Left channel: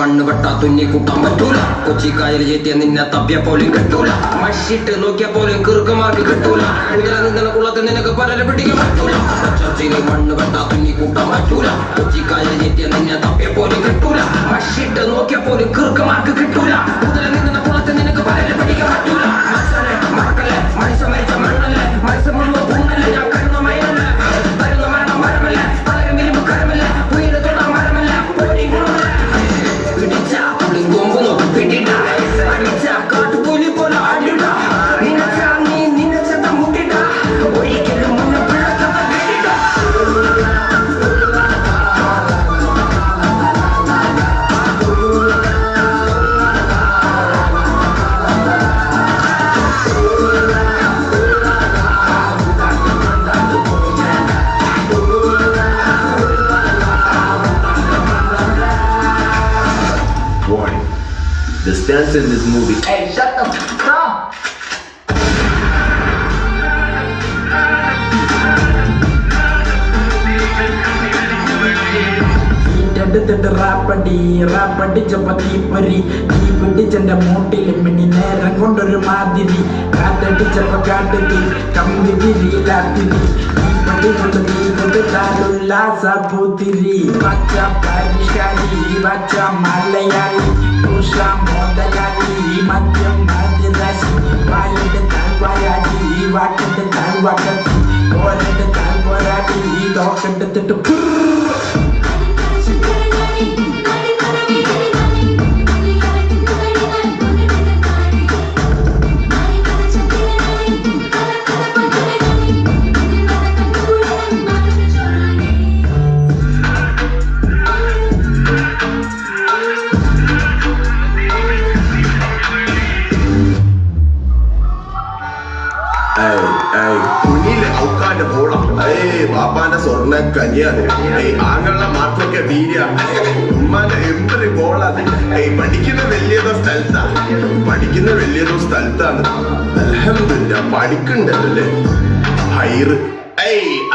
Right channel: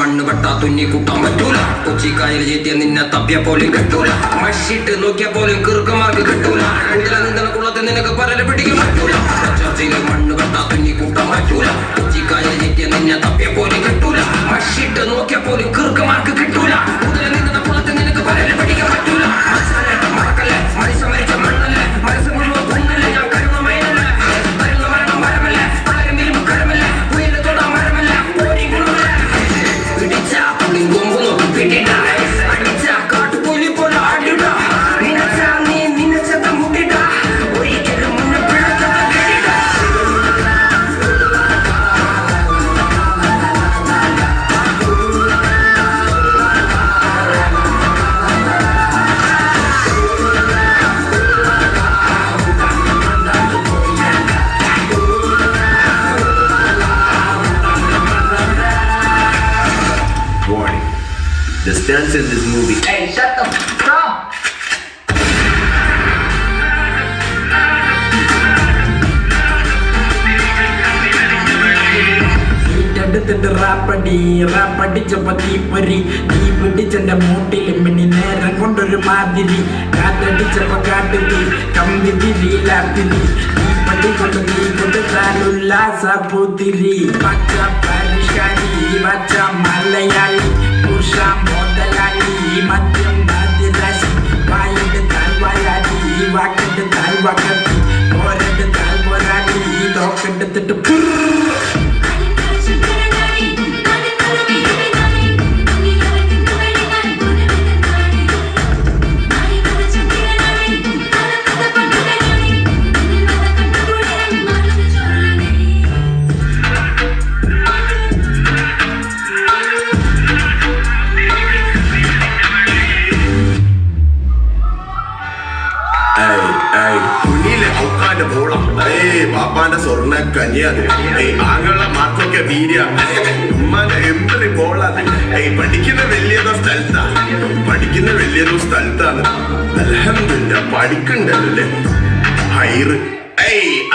മണ്ണ് വെട്ടാ തുന്നി കൂട്ടാൻ പറ്റൂല. കൊച്ചിക്കായൽ ചേത്തിയ നിന്നെ തപ്പിയ പോലും കിട്ടൂല. മഷിട്ട് നോക്കിയ പോലും കീർക്കമാർക്ക് കിട്ടൂല. കൂടുതൽ നിന്ന കുളത്തിൽ നിനക്ക് പലരെ പിടിക്കാൻ പറ്റൂല. ചർച്ചയില് മണ്ണ് വെട്ടാ തുന്നി കൂട്ടാൻ പറ്റൂല. കൊച്ചിക്കായൽ ചേത്തിയ നിന്നെ തപ്പിയ പോലും കിട്ടൂല. മഷിട്ട് നോക്കിയ പോലും കീർക്കമാർക്ക് കിട്ടൂല. കൂടുതൽ നിന്ന കുളത്തിൽ നിനക്ക് പലരെ പിടിക്കാൻ പറ്റൂല. മറക്കല്ലേ മനുഷ്യ മരിച്ച മണ്ണല്ലേ, മനസ്സ് മുഴുവൻ പൂങ്ങല്ലേ, ഞാൻ കരുണമയനല്ലേ, തരുന്ന മരണം മരമല്ലേ, പലരും ഇരുമ്പ് കരമല്ലേ, ഉയരെ തൊടാ മരമല്ലേ, ഓടി ഗുണമല്ലേ. പിടിച്ച പുളി കൊമ്പ് നോക്കി പിടിട, അടിച്ച കാട്ടുപുലി പോലെ ആടിട, നിനച്ച നീ നിനച്ചത മുടിട, ഒരിക്കലും മുന്നെ പിഴക്കത പിടിട. Warning. The stunts in this movie. Hey, shut the f*** up! റാപ്പടിച്ചപ്പോ തീപ്പൊരി, തീ പിടിച്ചെന്റെ മൂട്ടില് മിനി നേരം കൊണ്ടൊരു മാതിരി, കാറ്റടിച്ചപ്പോ കാട്ടുതി കമ്പി തിരിയിലാത്തിരി, തീപ്പടി കൊണ്ട് തീ കൊണ്ട് താരുല്ലാസ പൂത്തിരി. പച്ച പരിഷ്കാരി പച്ച മലയാളി പുഷ മുതലാളി മദ്യം മതിരാശി, വായിട്ട് താൽവായാടി വാക്കിട്ട് താൽവാക്കത്തി, പോരട്ട് താൽപോരാടി തോക്കെടുത്തിട്ട് കുഞ്ഞിലെ ഔക്കാന്റെ പോള, ബാപ്പാന്റെ സ്വർണ്ണ കന്യാണ്, ആങ്ങളുടെ മാർക്കൊക്കെ വീര്യ, ഉമ്മാന്റെ എമ്പറി പോളാണ്. പഠിക്കുന്ന വലിയതോ സ്ഥലത്താണ്. അൽഹംദുലില്ലാ പഠിക്കണ്ടല്ലേ ഹൈറ്.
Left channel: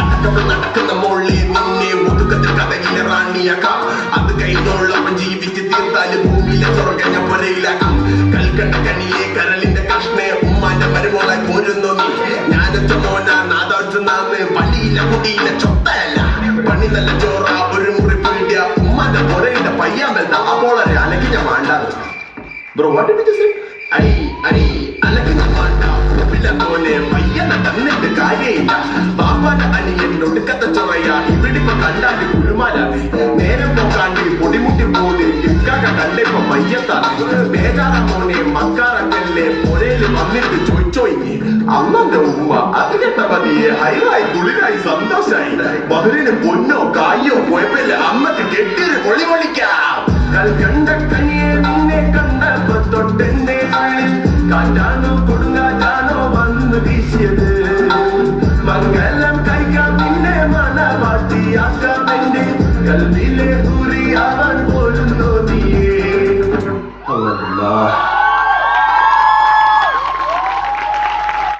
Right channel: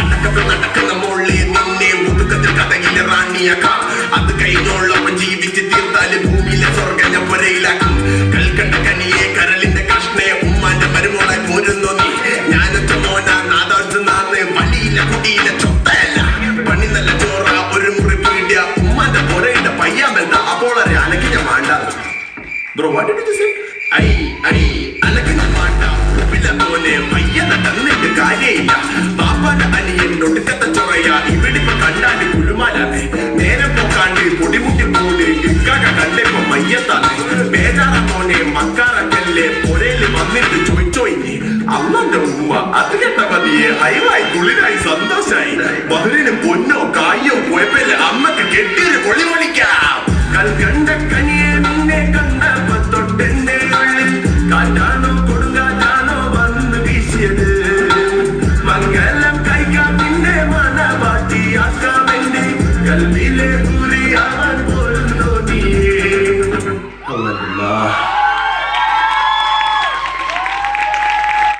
അടക്കത്ത് നടക്കുന്ന മോളെ നിന്നെ ഒതുക്കത്തിൽ കഥയിലെ റാണിയാക്കാം. അത് കഴിഞ്ഞോളപ്പം ജീവിച്ച് തീർത്താല് ഭൂമിയിലെ സ്വർഗം ഞാൻ പുരയിലാക്കും. കൽക്കണ്ട കനിയെ കരളിന്റെ കഷ്ണയെ ഉമ്മാന്റെ മരുമോളെ പോരുന്നു നീ. ഞാനൊറ്റ മോനാ നാദാർജുനാന്ന്, വലിയില്ല കുടിയില്ല ചൊത്തയല്ല, പണി നല്ല ചോറ ഒരു മുറി പീടിയ, ഉമ്മാന്റെ പുരയുടെ പയ്യാമെന്താ അപ്പോളരെ അലക്കി ഞാൻ വേണ്ടാന്ന്. Bro what did you say? അലക്കി ഞാൻ വേണ്ട ഉപ്പില്ല പോലെ പയ്യനെ തന്നിട്ട് കാര്യമില്ല. ബാപ്പാന്റെ അനിയൻ ഒടുക്കത്ത ചൊറയ, ഇവിടിപ്പോ കണ്ടാല് കുലുമാലാണ്. നേരം പോക്കാണ്ട് പൊടിമുട്ടി പോണ് ഇക്കാക കണ്ടിപ്പോ മയ്യത്താണ്. ബേജാറ മോനെ മക്കാറക്കല്ലേ പുരയില് വന്നിട്ട് ചോയ്ച്ചോയി. അമ്മന്റെ ഉമ്മ അത് കേട്ട മതിയെ ഹൈവായി കുളിരായി സന്തോഷായി. ബഹ്റിന് പൊന്നോ കായോ കുഴപ്പമില്ല, അമ്മക്ക് കെട്ടിയൊരു പൊളി പൊളിക്കാം. കൽക്കണ്ട കനിയെ നിന്നെ കണ്ടപ്പോ തൊട്ടെന്റെ ഉള്ളിൽ കാറ്റാണോ കൊടുങ്കാറ്റാണോ വന്നു വീശിയത്.